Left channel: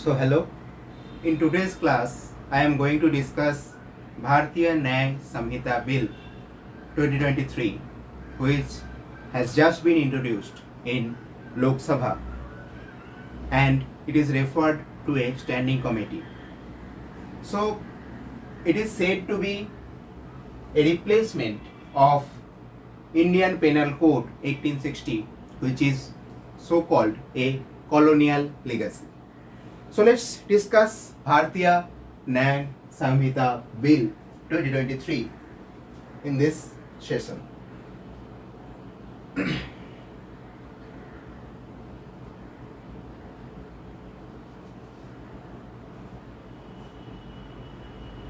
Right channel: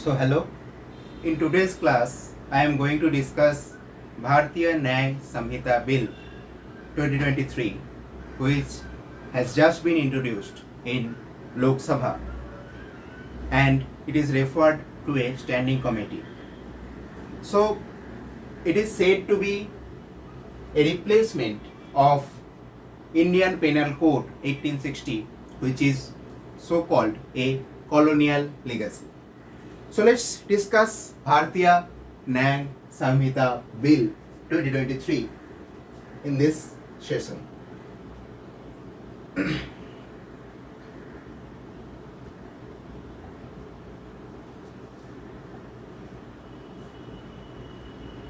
So hello, in today's class I am going to discuss Bharatiya Nyaya Sanhita Bill 2023, which has just been introduced in Lok Sabha and it is referred to a standing committee. So it is said to be a replacement of Indian Penal Code 1860, which is so called a colonial legacy. So let's discuss Bharatiya Nyaya Sanhita Bill 2023 in this session.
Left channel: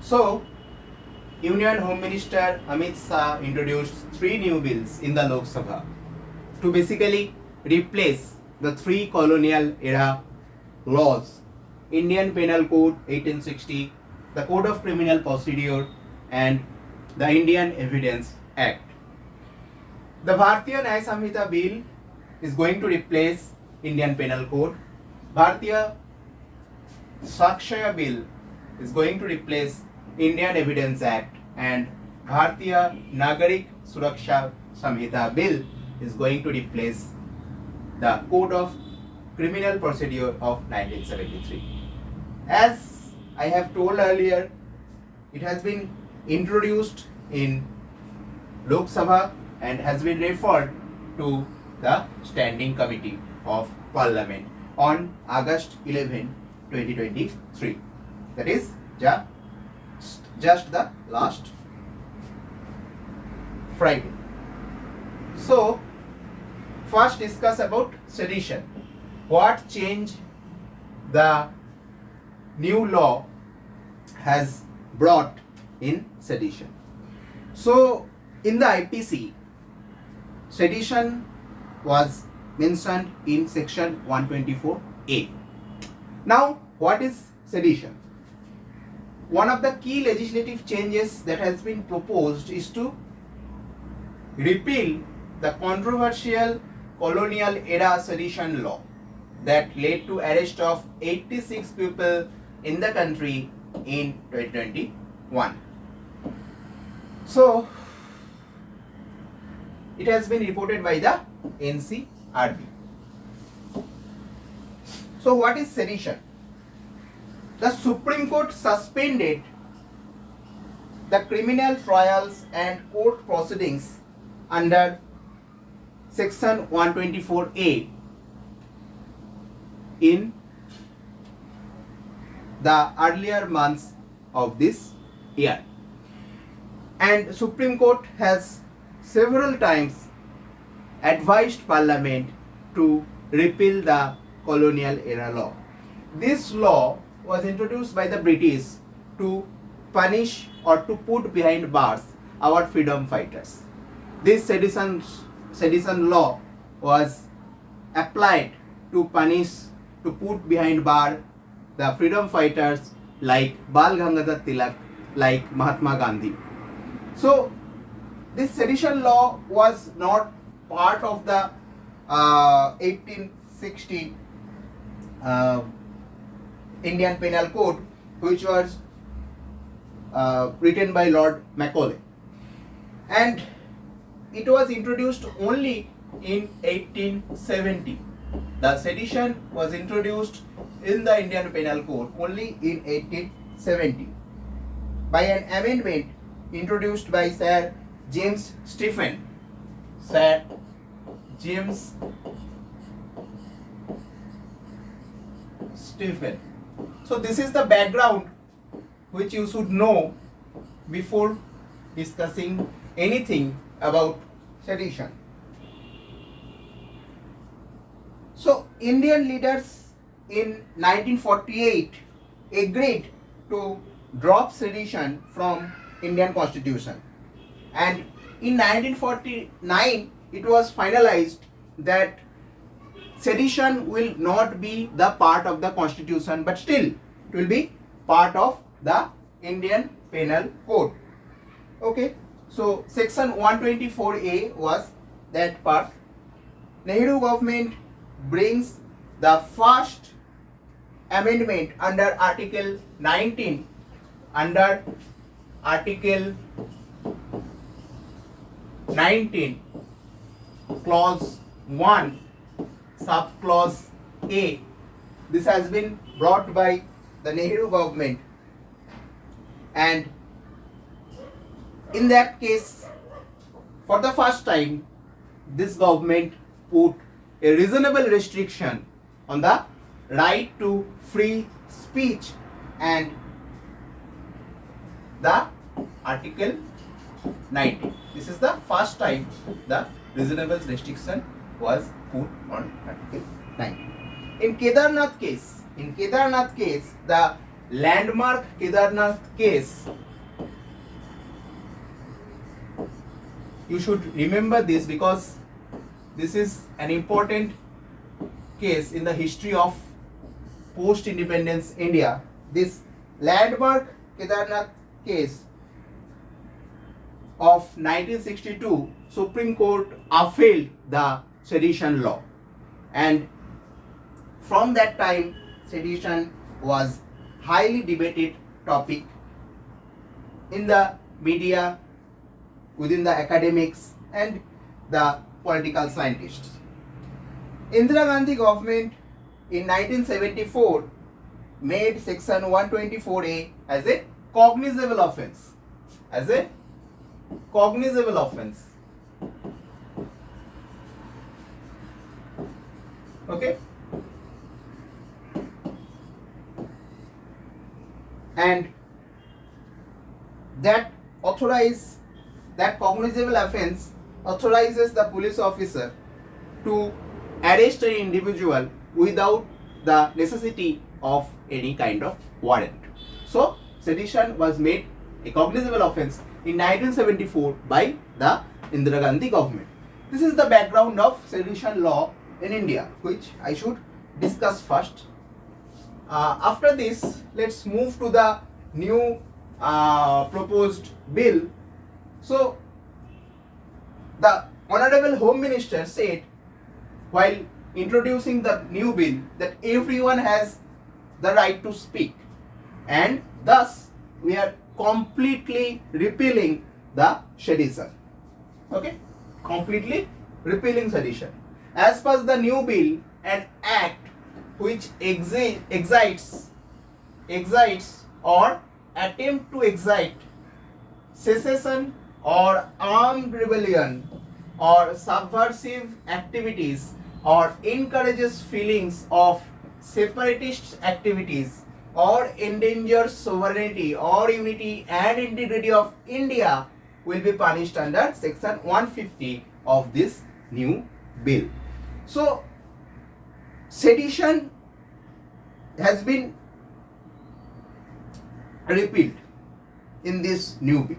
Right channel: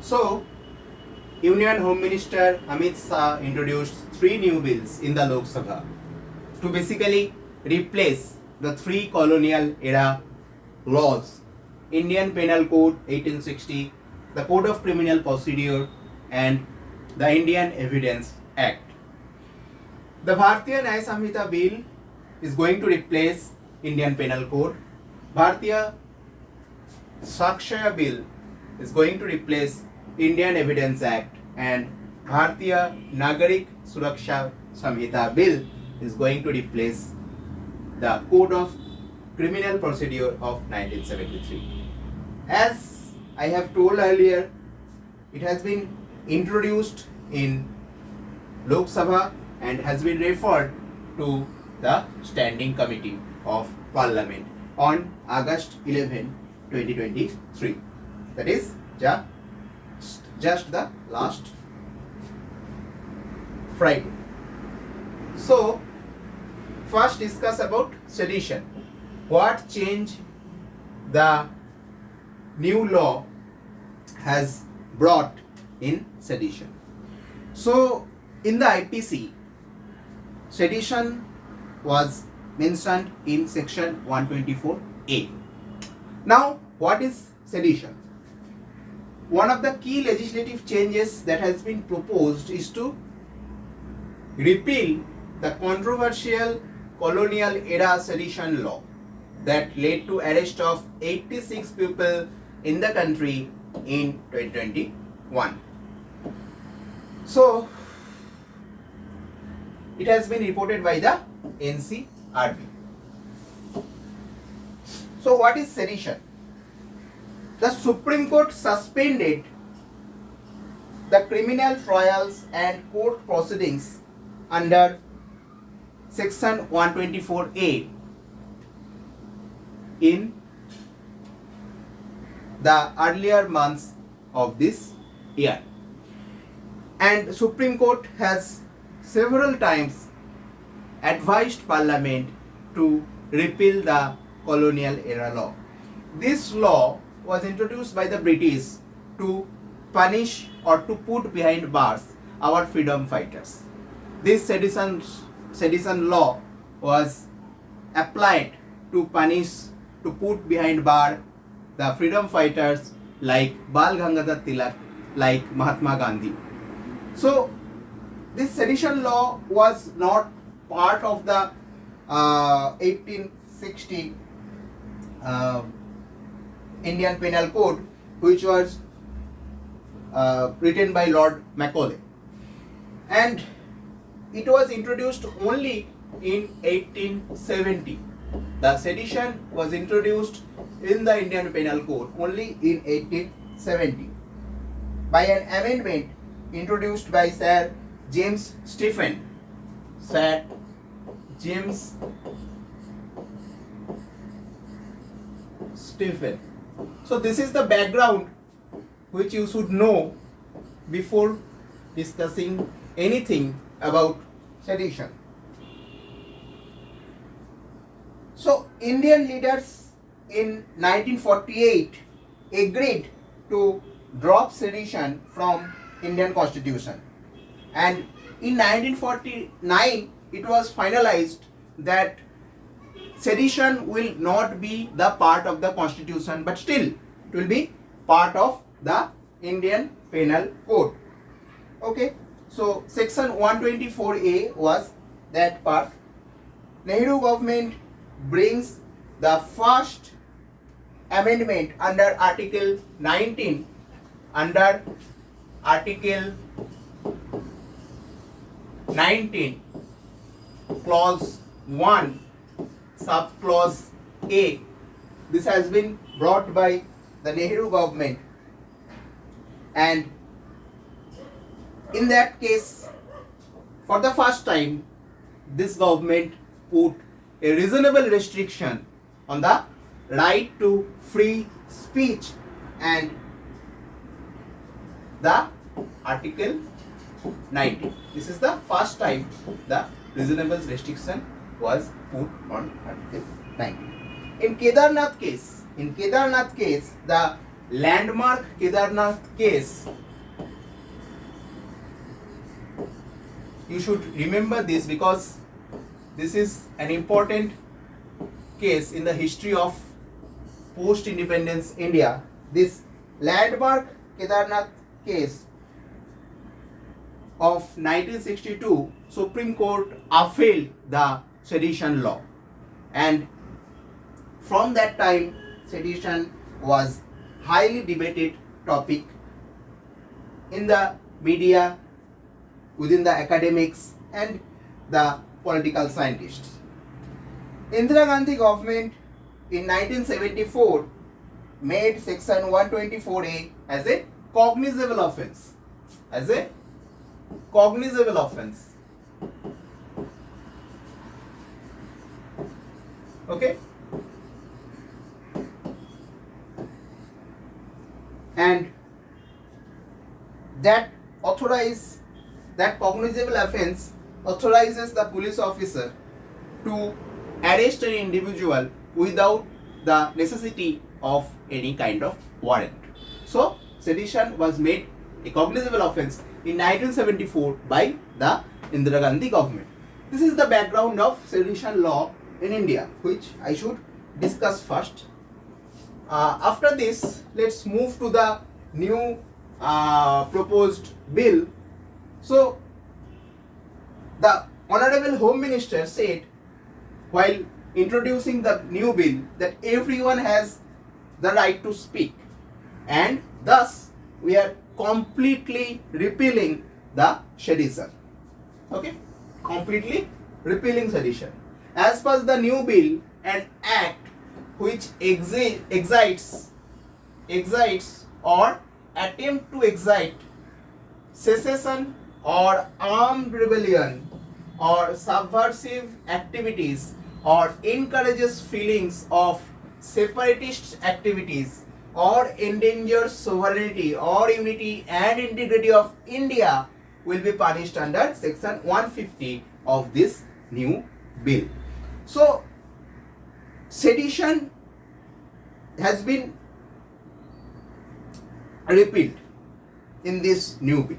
So, Union Home Minister Amit Shah introduced 3 new bills in the Lok Sabha to basically replace the 3 colonial era laws: Indian Penal Code 1860, the Code of Criminal Procedure, and the Indian Evidence Act. The Bharatiya Nyaya Sanhita Bill is going to replace Indian Penal Code. Bharatiya Sakshaya Bill is going to replace Indian Evidence Act, and Bharatiya Nagarik Suraksha Samhita Bill is going to replace the Code of Criminal Procedure of 1973. As I have told earlier, it has been introduced in Lok Sabha and has been referred to the Standing Committee of Parliament on August 11, 2023. That is just the last Friday. So, first discuss about sedition. What change the new law has brought in sedition? So, in the IPC, sedition was mentioned in section 124A. Now, what is sedition? One of the key legislative changes that has been proposed is to repeal the controversial colonial era sedition law that led to arrest of 86 people in the country in 2021. So, it has been reported by the NCRB. So, what is sedition? The Supreme Court suspended the criminal trials and court proceedings under section 124A in the earlier months of this year, and Supreme Court has several times advised Parliament to repeal the colonial era law. This law was introduced by the British to punish or to put behind bars our freedom fighters. This sedition law was applied to put behind bar the freedom fighters like Bal Gangadhar Tilak, like Mahatma Gandhi. So, this sedition law was not part of the 1860 Indian Penal Code, which was written by Lord Macaulay, and it was introduced only in 1870. The sedition was introduced in the Indian Penal Code only in 1870 by an amendment introduced by Sir James Stephen. Sir James Stephen. So this is the background which you should know before discussing anything about sedition. So Indian leaders in 1948 agreed to drop sedition from Indian Constitution, and in 1949 it was finalized that sedition will not be the part of the Constitution, but still it will be part of the Indian Penal Code. Okay, so section 124A was that part. Nehru government brings the first amendment under Article 19, under Article 19, Clause 1, Subclause A. This has been brought by the Nehru government, and in that case, for the first time, this government put a reasonable restriction on the right to free speech, and the Article 19. This is the first time the reasonable restriction was put on Article 19. In Kedarnath case, the landmark Kedarnath case, you should remember this because this is an important case in the history of post-independence India. This landmark Kedarnath case of 1962, Supreme Court upheld the sedition law, and from that time sedition was highly debated topic in the media, within the academics and the political scientists. Indira Gandhi government in 1974 made section 124A as a cognizable offence. Okay. And that cognizable offence authorizes the police officer to arrest an individual without the necessity of any kind of warrant. So sedition was made a cognizable offence in 1974 by the Indira Gandhi government. This is the background of sedition law in India, which I should discuss first. After this, let's move to the new proposed bill. So the Honorable Home Minister said while introducing the new bill that everyone has the right to speak, and thus we are completely repealing the sedition. Okay, completely repealing sedition. As per the new bill, an act which excites or attempt to excite secession or armed rebellion or subversive activities or encourages feelings of separatist activities or endangers sovereignty or unity and integrity of India will be punished under section 150 of this new bill. So sedition has been repealed in this new bill,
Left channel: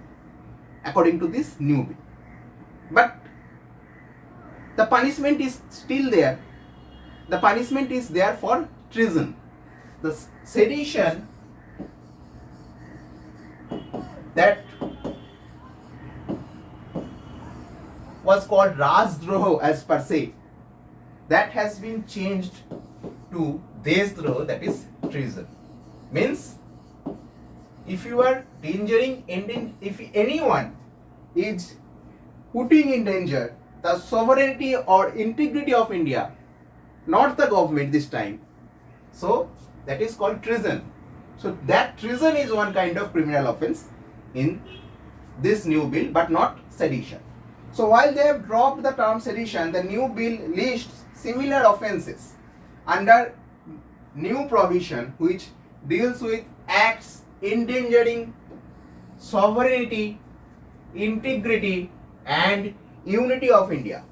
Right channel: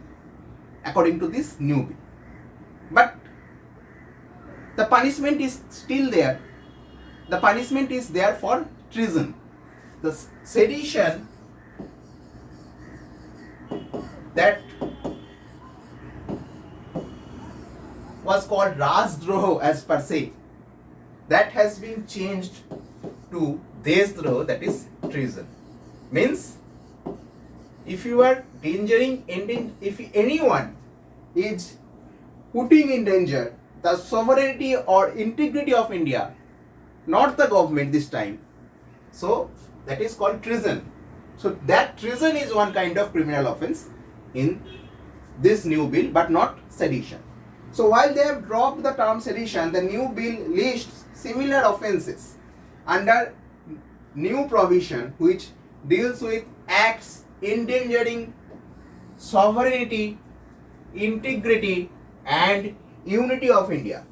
according to this new bill, but the punishment is still there. The punishment is there for treason. The sedition that was called Rajdrah as per se, that has been changed to Deshdrah, that is treason. Means if you are if anyone is putting in danger the sovereignty or integrity of India, not the government this time, so that is called treason. So that treason is one kind of criminal offence in this new bill, but not sedition. So while they have dropped the term sedition, the new bill lists similar offences under new provision which deals with acts endangering sovereignty, integrity and unity of India.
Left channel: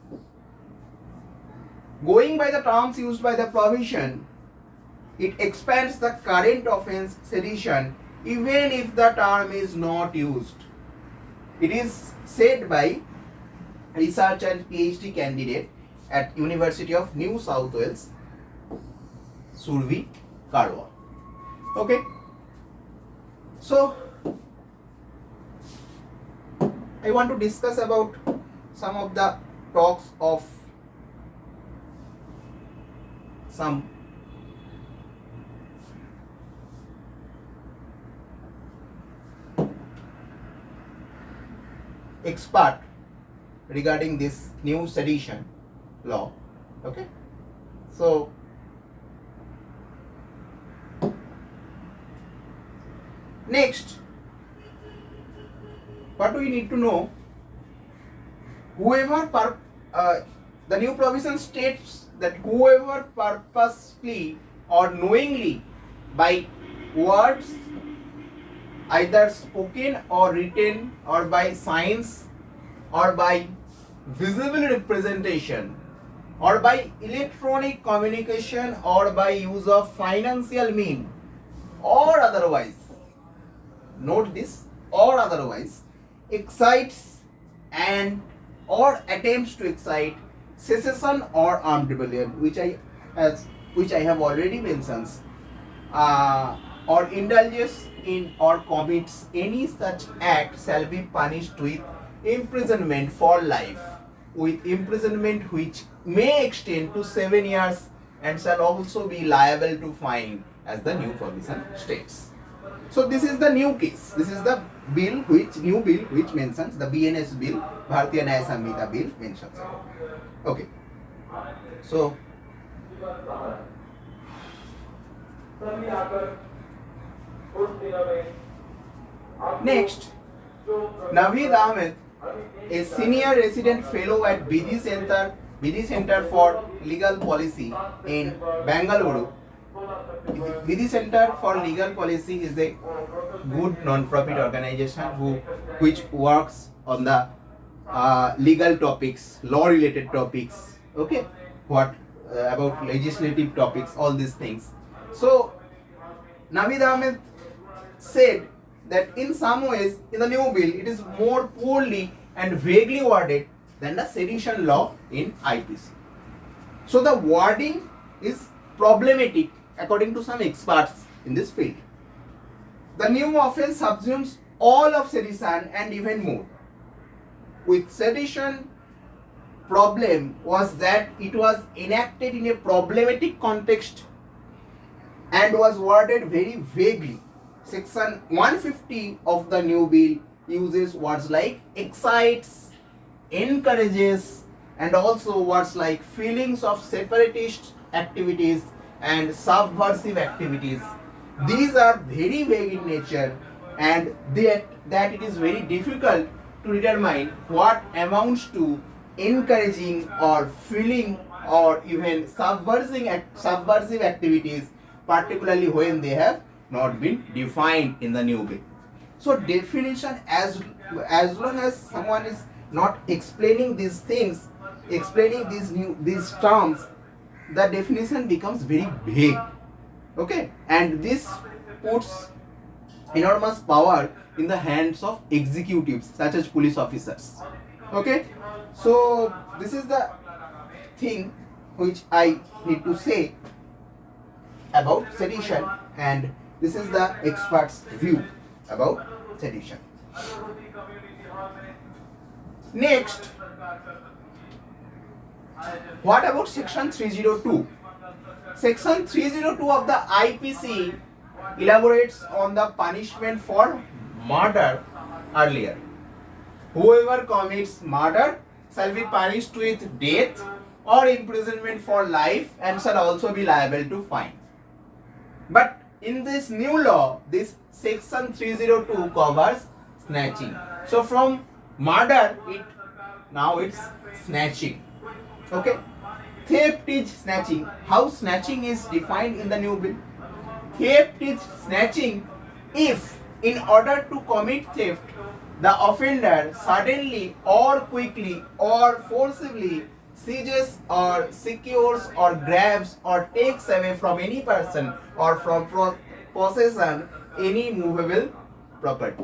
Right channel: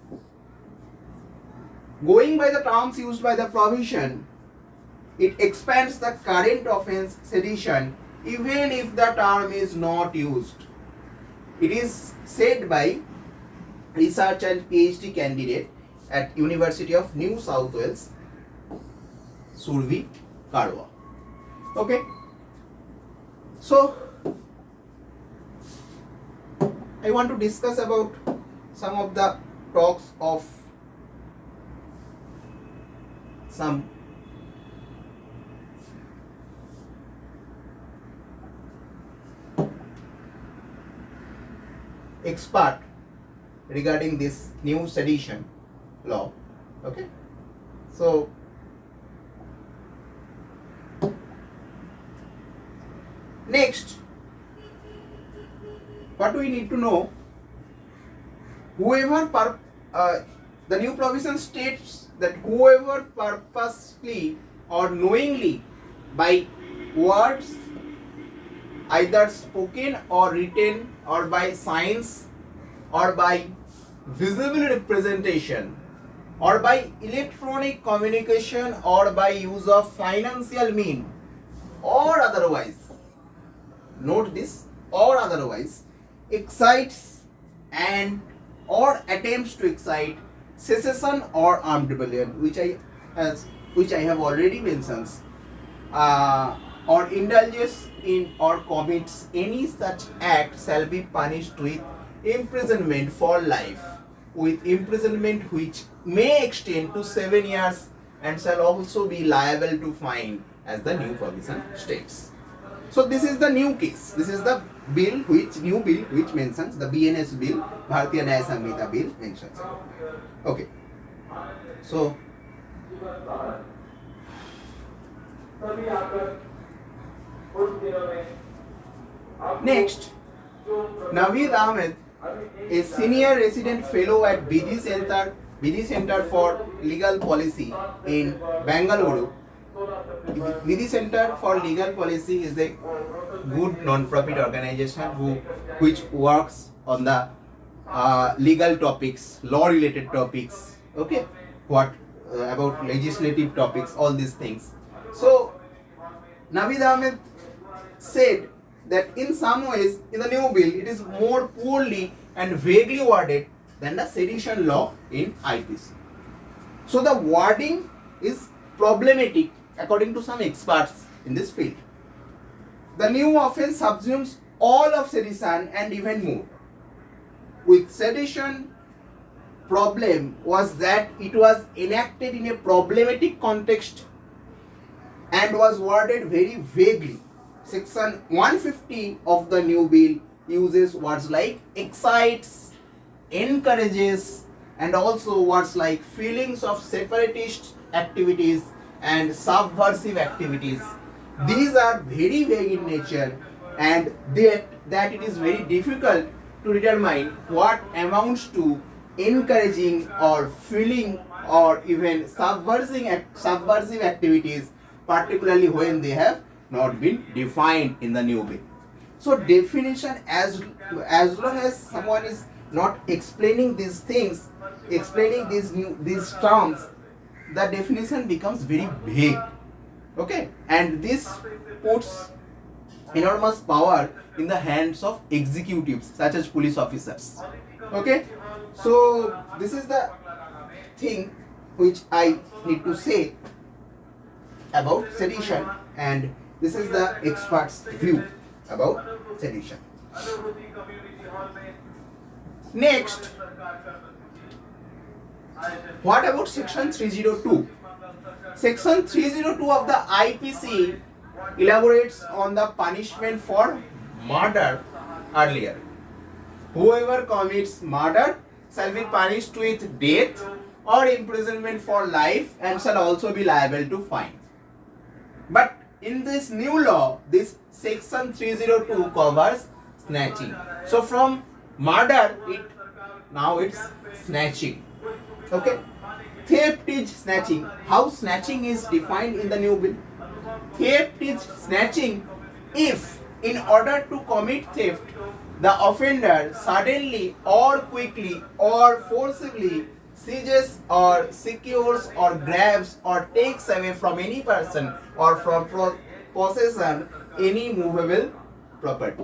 Going by the terms used by the provision, it expands the current offence sedition even if the term is not used. It is said by research and PhD candidate at University of New South Wales, Survi Karwa. Okay. So I want to discuss about some of the talks of some expert regarding this new sedition law. Okay, so next, what do we need to know? The new provision states that whoever purposely or knowingly by words, either spoken or written, or by signs, or by visible representation, or by electronic communication, or by use of financial means, or otherwise, note this, or otherwise, excites and or attempts to excite secession or armed rebellion, which I have already mentioned, or indulges in or commits any such act shall be punished with imprisonment for life, with imprisonment which may extend to 7 years, and shall also be liable to fine, as the new provision states. So this is the new case. This is the new bill which mentions the BNS bill, Bharatiya Nyaya Sanhita bill mentions. Okay. So next, Naveed Ahmed, a senior resident fellow at BD Center for Legal Policy in Bangalore. BD Center for Legal Policy is a good non-profit organization which works on the legal topics, law-related topics. Okay, what about legislative topics, all these things. So Naveed Ahmed said that in some ways in the new bill it is more poorly and vaguely worded than the sedition law in IPC. So the wording is problematic according to some experts in this field. The new offense subsumes all of sedition and even more. With sedition, problem was that it was enacted in a problematic context and was worded very vaguely. Section 150 of the new bill uses words like excites, encourages, and also words like feelings of separatist activities and subversive activities. These are very vague in nature, and that it is very difficult to determine what amounts to encouraging or feeling or even subversive activities, particularly when they have not been defined in the new bill. So definition, as long as someone is not explaining these things, explaining these terms, the definition becomes very vague. Okay, and this puts enormous power in the hands of executives such as police officers. Okay, so this is the thing which I need to say about sedition, and this is the expert's view about sedition. Next, what about section 302? Section 302 of the IPC elaborates on the punishment for murder earlier. Whoever commits murder shall be punished with death or imprisonment for life and shall also be liable to fine. But in this new law, this section 302 covers snatching. So from murder, now it's snatching. Okay, theft is snatching. How snatching is defined in the new bill? Theft is snatching if, in order to commit theft, the offender suddenly or quickly or forcibly seizes or secures or grabs or takes away from any person or from possession any movable property.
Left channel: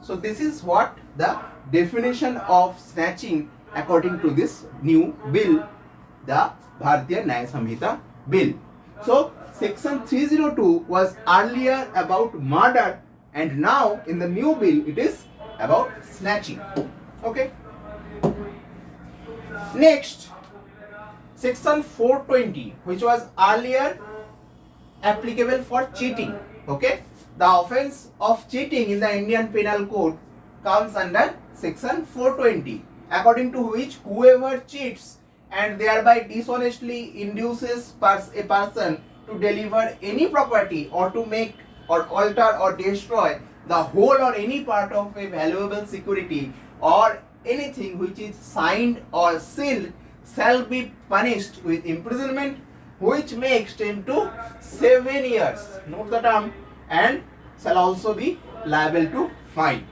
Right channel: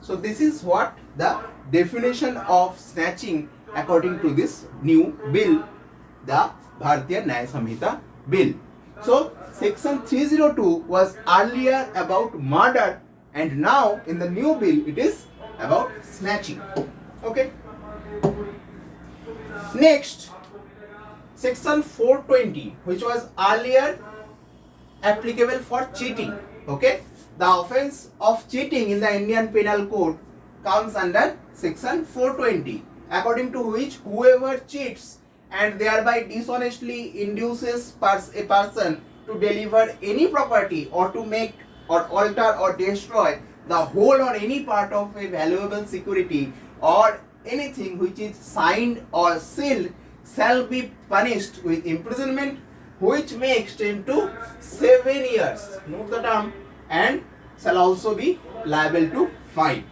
So this is what the definition of snatching according to this new bill, the Bharatiya Nyaya Sanhita bill. So section 302 was earlier about murder, and now in the new bill it is about snatching. Okay. Next, section 420, which was earlier applicable for cheating. Okay, the offense of cheating in the Indian Penal Code comes under section 420, according to which whoever cheats and thereby dishonestly induces a person to deliver any property or to make or alter or destroy the whole or any part of a valuable security or anything which is signed or sealed shall be punished with imprisonment which may extend to 7 years. Note the term, and shall also be liable to fine.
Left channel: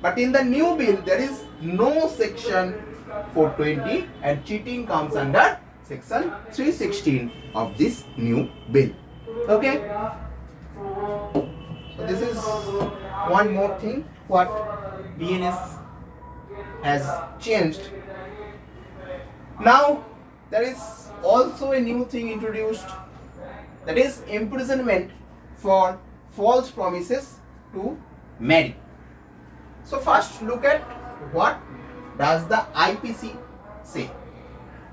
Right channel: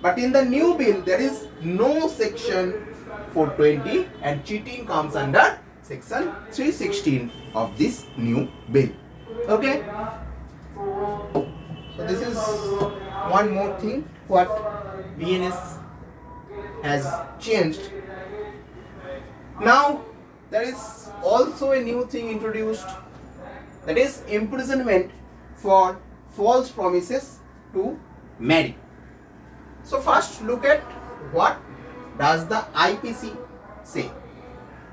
But in the new bill, there is no section 420 and cheating comes under section 316 of this new bill. Okay? So this is one more thing what BNS has changed. Now there is also a new thing introduced, that is imprisonment for false promises to marry. So first look at what does the IPC say.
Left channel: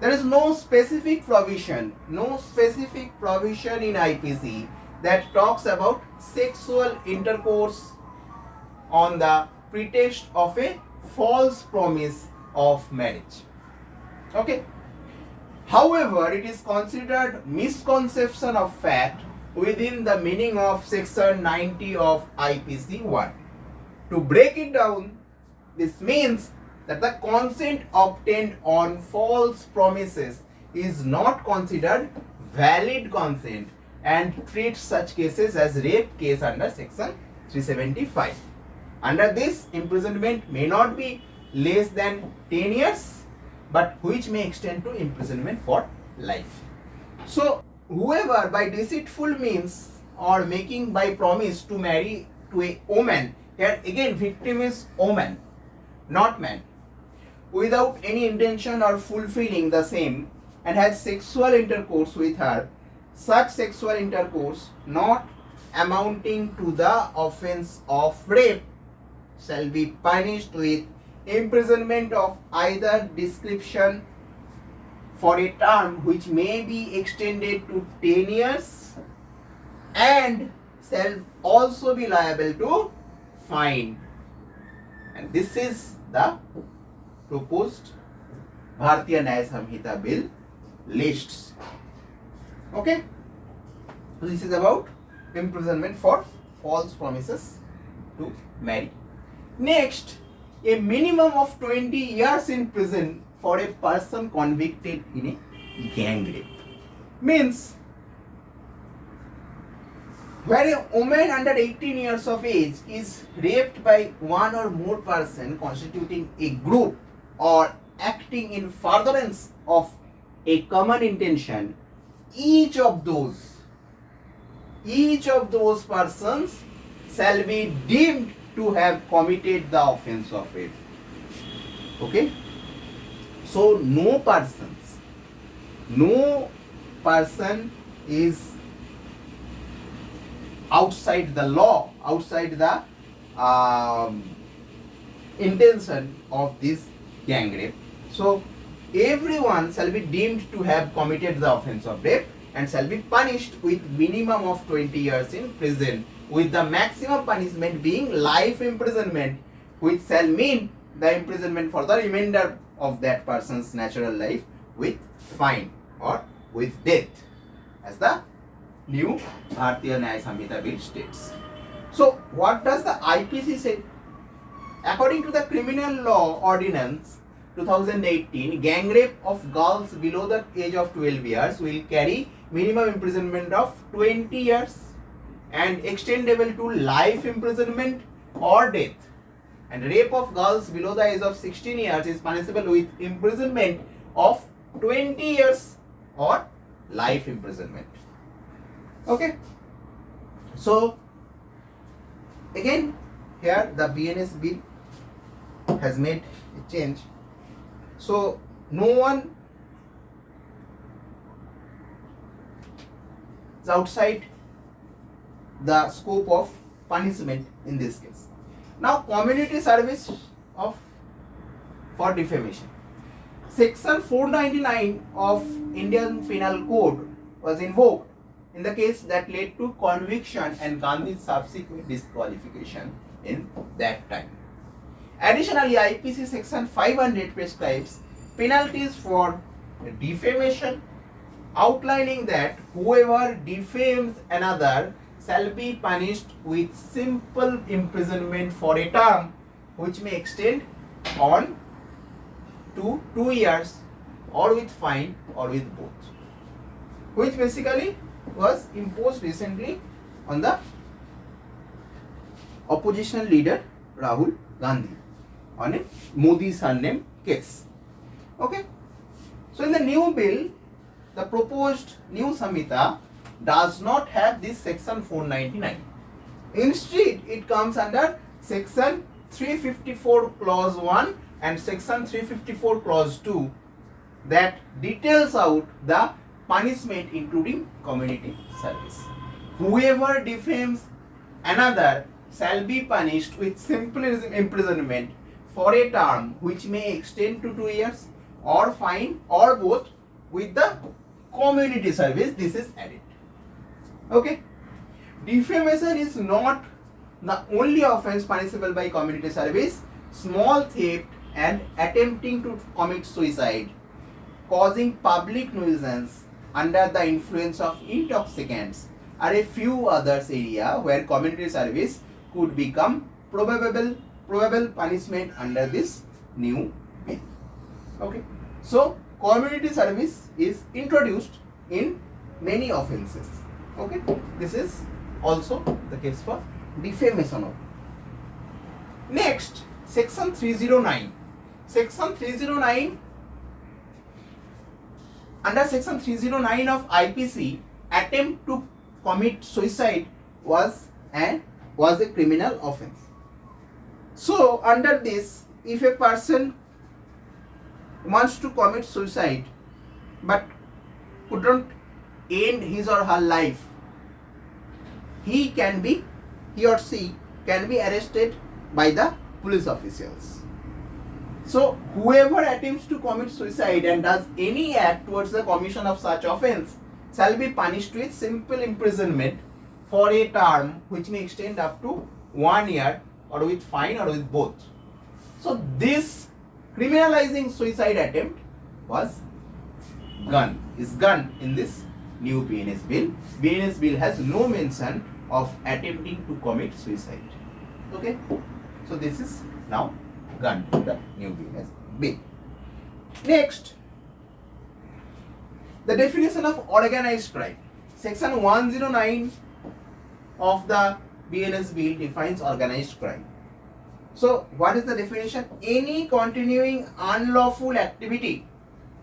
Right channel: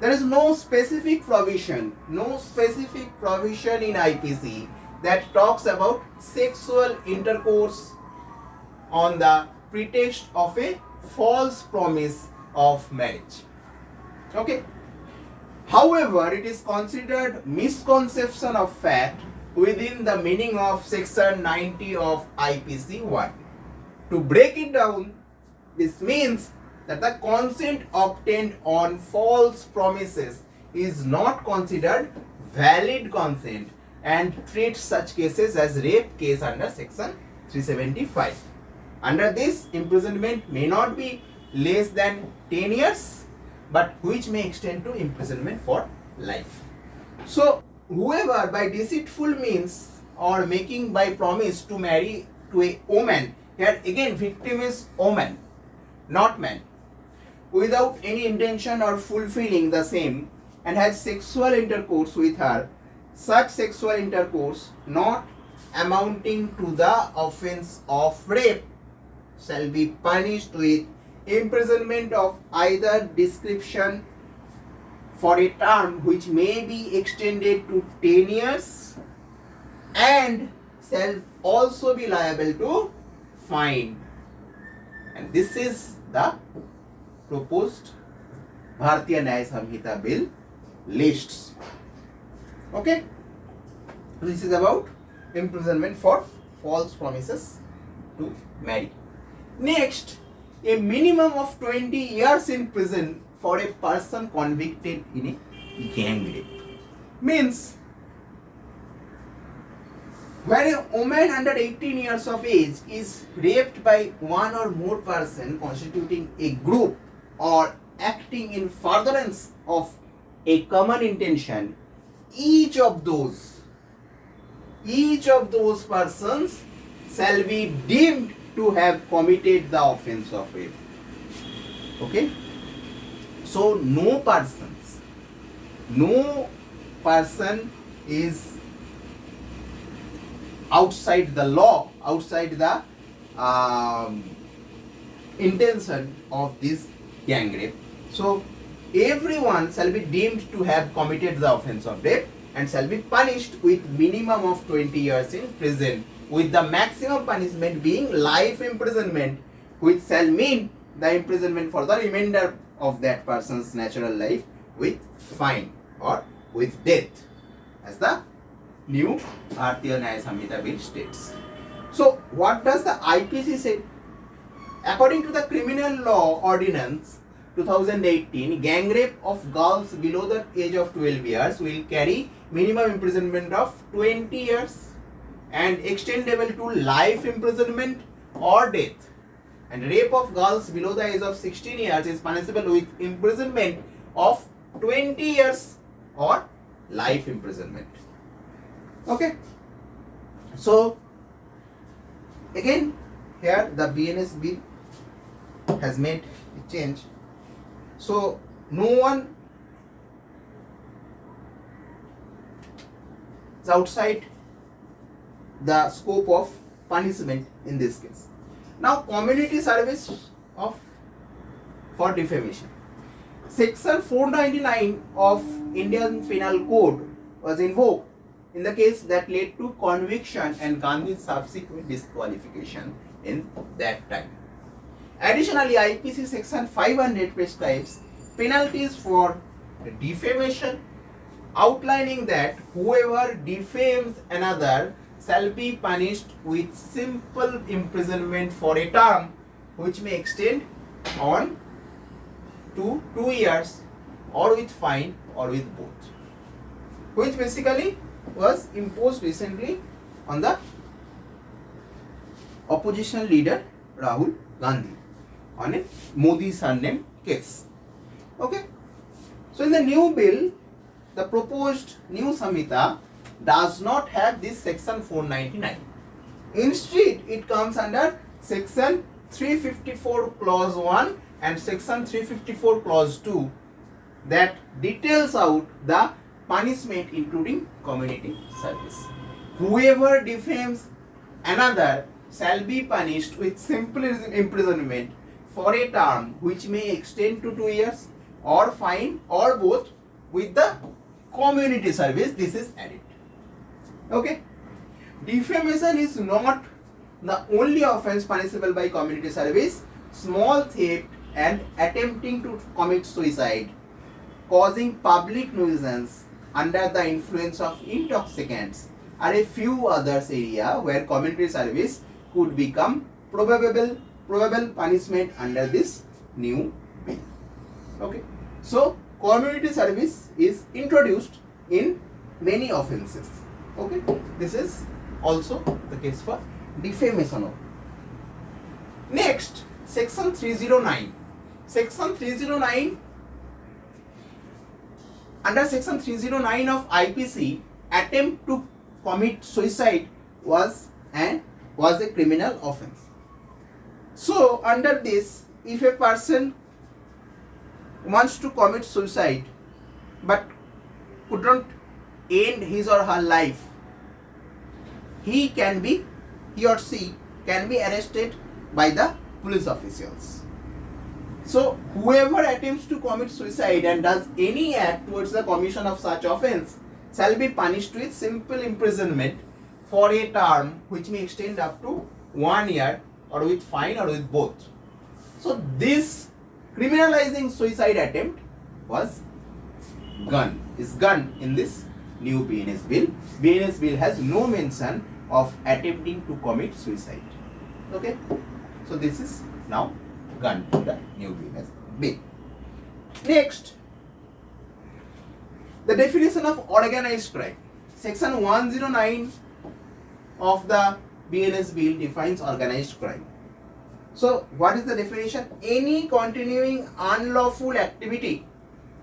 There is no specific provision in IPC that talks about sexual intercourse on the pretext of a false promise of marriage. Okay. However, it is considered misconception of fact within the meaning of section 90 of IPC 1. To break it down, this means that the consent obtained on false promises is not considered valid consent and treats such cases as rape case under section 375. Under this, imprisonment may not be less than 10 years, but which may extend to imprisonment for life. So, whoever by deceitful means or making by promise to marry to a woman, here again victim is woman, not man, without any intention or fulfilling the same and has sexual intercourse with her, such sexual intercourse not amounting to the offense of rape shall be punished with imprisonment of either description for a term which may be extended to 10 years and shall also be liable to fine. And this is the proposed Bharatiya Nyaya Sanhita bill lists. Okay, this is about imprisonment for false promises to marry. Next, a minimum of 20 years in prison for a person convicted in a gang rape. Means, where a woman under 18 years of age is raped by one or more person constituting a group or acting in furtherance of a common intention, each of those persons shall be deemed to have committed the offense of rape. Okay? So no person is outside the law, outside the intention of this gang rape. So everyone shall be deemed to have committed the offense of rape and shall be punished with minimum of 20 years in prison, with the maximum punishment being life imprisonment, which shall mean the imprisonment for the remainder of that person's natural life with fine or with death, as the new Bharatiya Nyaya Sanhita bill states. So what does the IPC say? According to the Criminal Law Ordinance 2018, gang rape of girls below the age of 12 years will carry minimum imprisonment of 20 years and extendable to life imprisonment or death. And rape of girls below the age of 16 years is punishable with imprisonment of 20 years or life imprisonment. Okay. So again, here the BNS bill has made a change. So no one is outside the scope of punishment in this case. Now, community service for defamation. Section 499 of Indian Penal Code was invoked in the case that led to conviction and Gandhi's subsequent disqualification in that time. Additionally, IPC section 500 prescribes penalties for defamation, outlining that whoever defames another shall be punished with simple imprisonment for a term which may extend on to 2 years or with fine or with both, which basically was imposed recently on the opposition leader Rahul Gandhi on a Modi surname case. Okay. So in the new bill, the proposed new Sanhita does not have this section 499. Instead, it comes under section 354 clause 1 and section 354 clause 2 that details out the punishment including community service. Whoever defames another shall be punished with simple imprisonment for a term which may extend to 2 years or fine or both with the community service. This is added. Okay. Defamation is not the only offense punishable by community service. Small theft and attempting to commit suicide, causing public nuisance under the influence of intoxicants are a few others area where community service could become probable punishment under this new bill. Okay. So community service is introduced in many offences. Okay. This is also the case for defamation. Next, section 309. Section 309, under section 309 of IPC, attempt to commit suicide was a criminal offense. So under this, if a person wants to commit suicide but couldn't end his or her life, he or she can be arrested by the police officials. So whoever attempts to commit suicide and does any act towards the commission of such offense shall be punished with simple imprisonment for a term which may extend up to 1 year or with fine or with both. So this criminalizing suicide attempt is gone in this new BNS bill. BNS bill has no mention of attempting to commit suicide. Okay. So this is now gone in the new BNS bill. Next, the definition of organized crime. Section 109 of the BNS bill defines organized crime. So what is the definition? Any continuing unlawful activity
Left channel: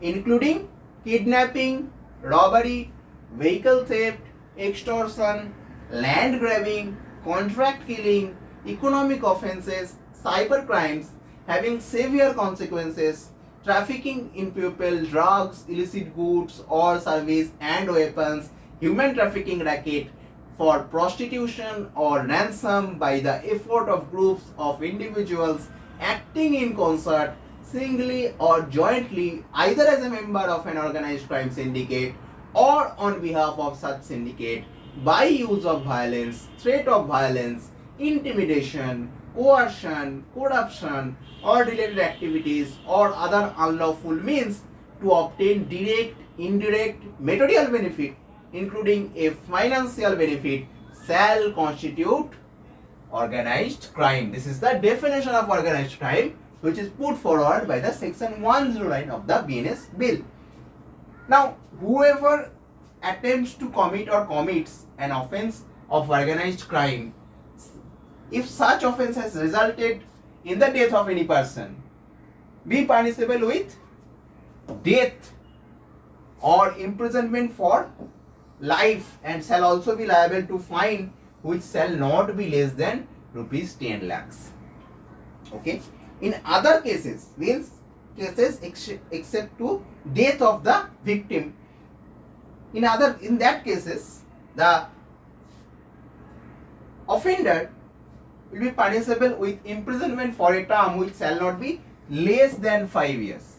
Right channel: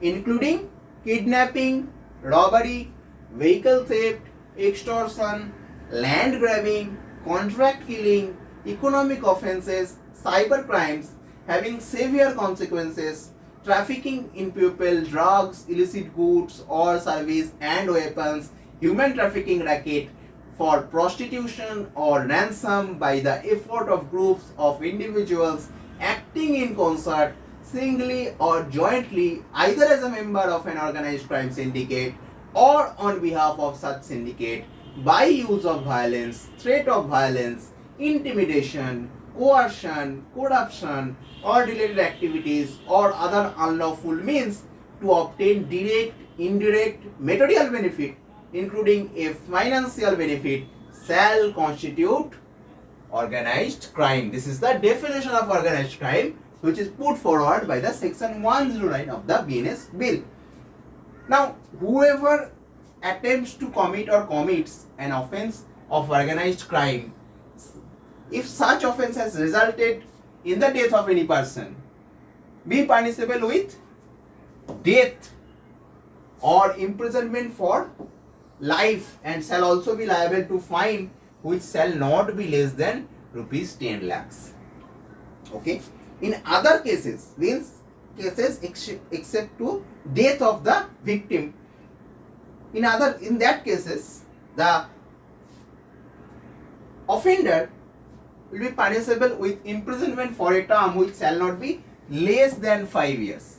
including kidnapping, robbery, vehicle theft, extortion, land grabbing, contract killing, economic offences, cyber crimes having severe consequences, trafficking in people, drugs, illicit goods or service and weapons, human trafficking racket for prostitution or ransom by the effort of groups of individuals acting in concert, singly or jointly, either as a member of an organized crime syndicate or on behalf of such syndicate, by use of violence, threat of violence, intimidation, coercion, corruption or related activities or other unlawful means to obtain direct, indirect, material benefit including a financial benefit shall constitute organized crime. This is the definition of organized crime which is put forward by the section 109 of the BNS bill. Now, whoever attempts to commit or commits an offense of organized crime, if such offense has resulted in the death of any person, be punishable with death or imprisonment for life and shall also be liable to fine which shall not be less than rupees 10 lakhs. Okay. In other cases, these cases except to death of the victim, in that cases the offender will be punishable with imprisonment for a term which shall not be less than 5 years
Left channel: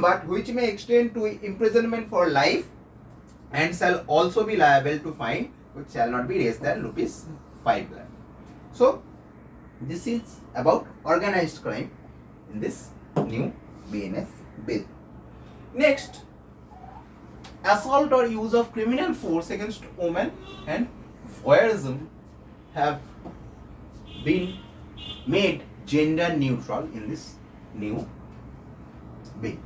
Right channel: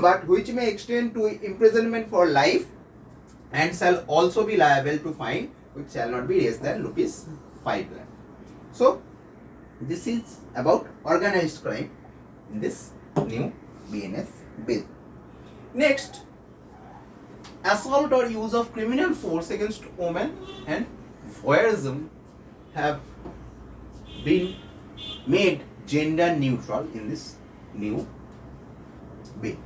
but which may extend to imprisonment for life and shall also be liable to fine which shall not be less than rupees 5 lakh. So This is about organized crime in this new BNS bill. Next, assault or use of criminal force against women and voyeurism have been made gender neutral in this new bill.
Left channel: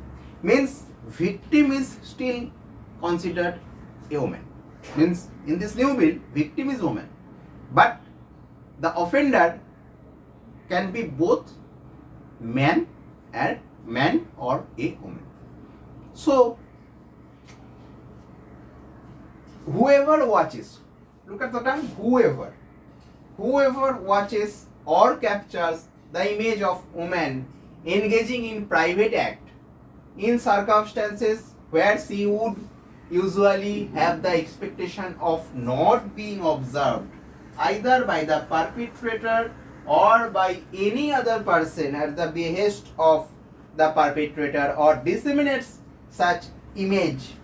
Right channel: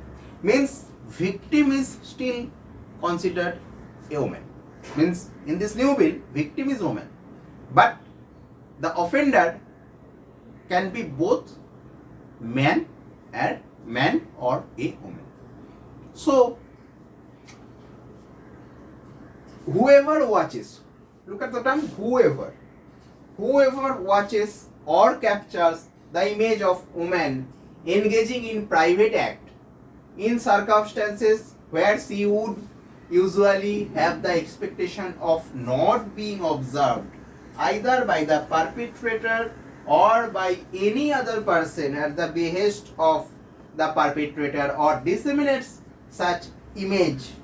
Means victim is still considered a woman. Means in this new bill, victim is woman, but the offender can be both man or a woman. So whoever watches, look at the term whoever watches or captures the image of woman engaging in private act in circumstances where she would usually have the expectation of not being observed either by the perpetrator or by any other person at the behest of the perpetrator, or disseminates such image,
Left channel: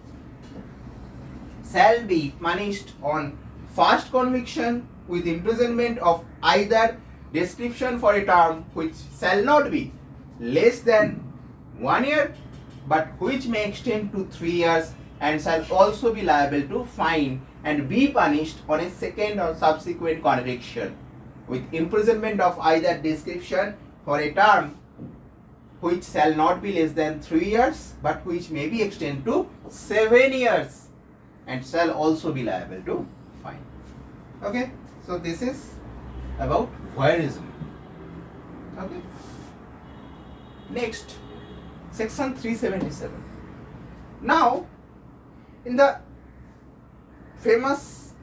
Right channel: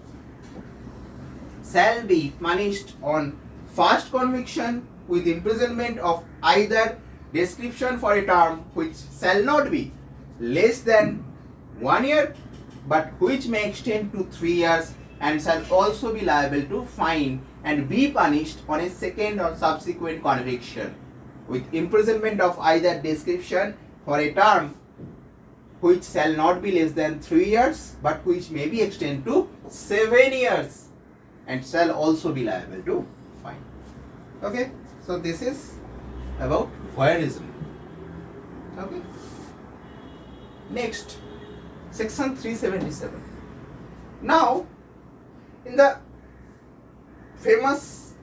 shall be punished on first conviction with imprisonment of either description for a term which shall not be less than 1 year but which may extend to 3 years, and shall also be liable to fine and be punished on a second or subsequent conviction with imprisonment of either description for a term which shall not be less than 3 years but which may be extended to 7 years and shall also be liable to fine. Okay, so this is about voyeurism. Okay, next, section 377. Now, in the famous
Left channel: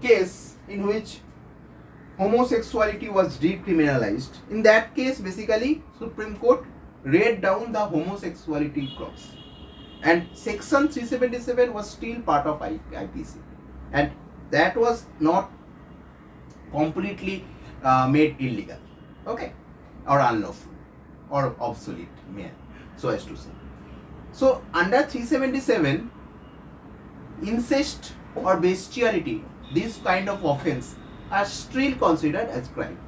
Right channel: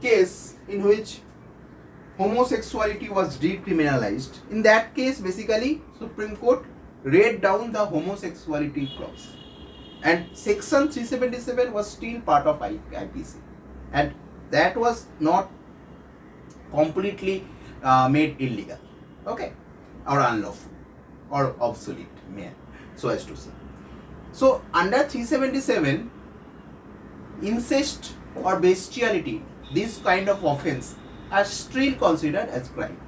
case in which homosexuality was decriminalized, in that case basically Supreme Court read down the homosexuality clause, and section 377 was still part of IPC, and that was not completely made illegal, okay, or unlawful or obsolete, so as to say. So under 377, incest or bestiality, this kind of offense are still considered as crime.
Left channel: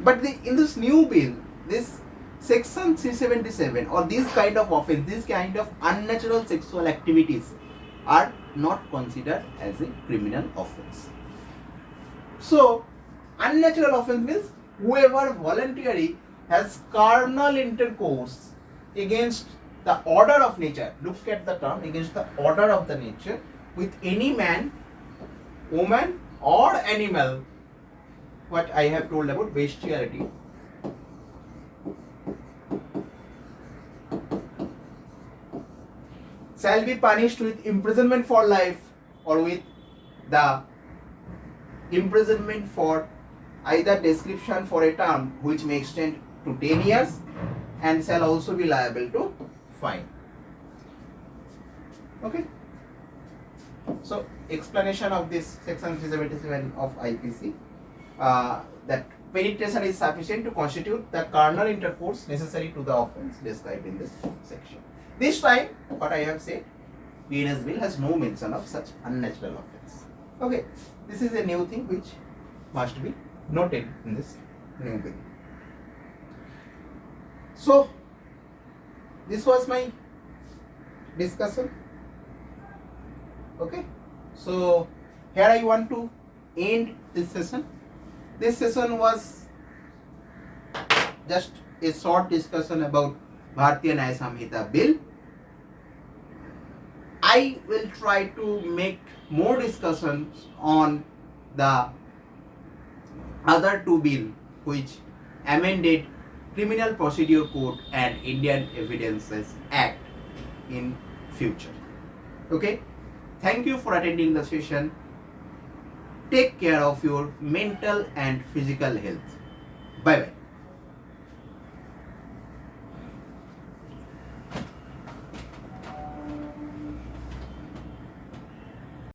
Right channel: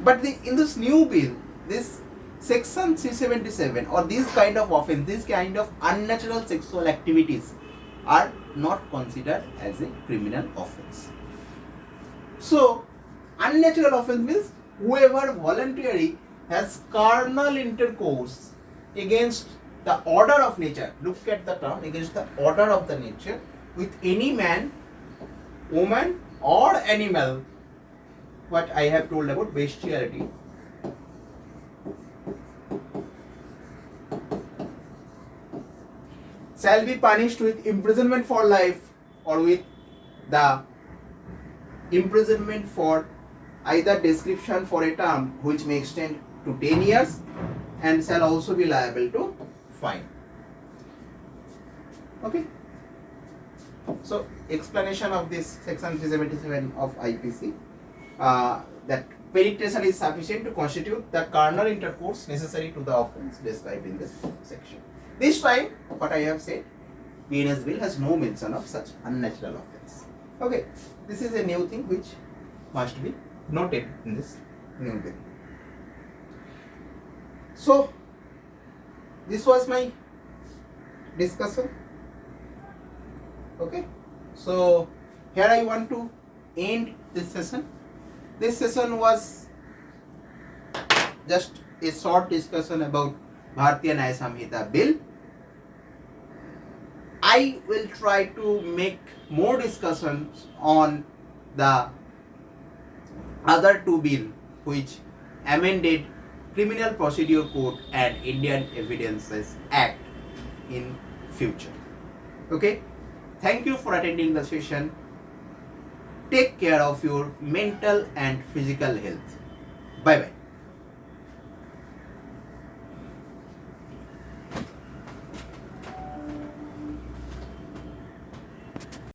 But in this new bill, this section 377 or this kind of offense, this kind of unnatural sexual activities are not considered as a criminal offense. So unnatural offense means whoever voluntarily has carnal intercourse against the order of nature, look at the term, against the order of the nature, with any man, woman or animal, what I have told about bestiality, shall be punished with imprisonment for life or with the imprisonment for either description for a term which may extend to 10 years and shall also be liable to fine. Okay. So explanation of this section 377 of IPC, that penetration is sufficient to constitute the carnal intercourse necessary to the offense described in this section. This time, what I have said, BNS bill has no mention of such unnatural offense. Okay, this is a new thing which must be noted in this new bill. So, this was my discussion. Okay, so here I want to end this session. This session was just a short discussion about Bharatiya Nyaya Sanhita bill. I will try to make more discussions on the other two bills which amended Criminal Procedure Code and Indian Evidences Act in future. Okay, thank you for attending the session. Take care of your mental and physical health. Bye bye.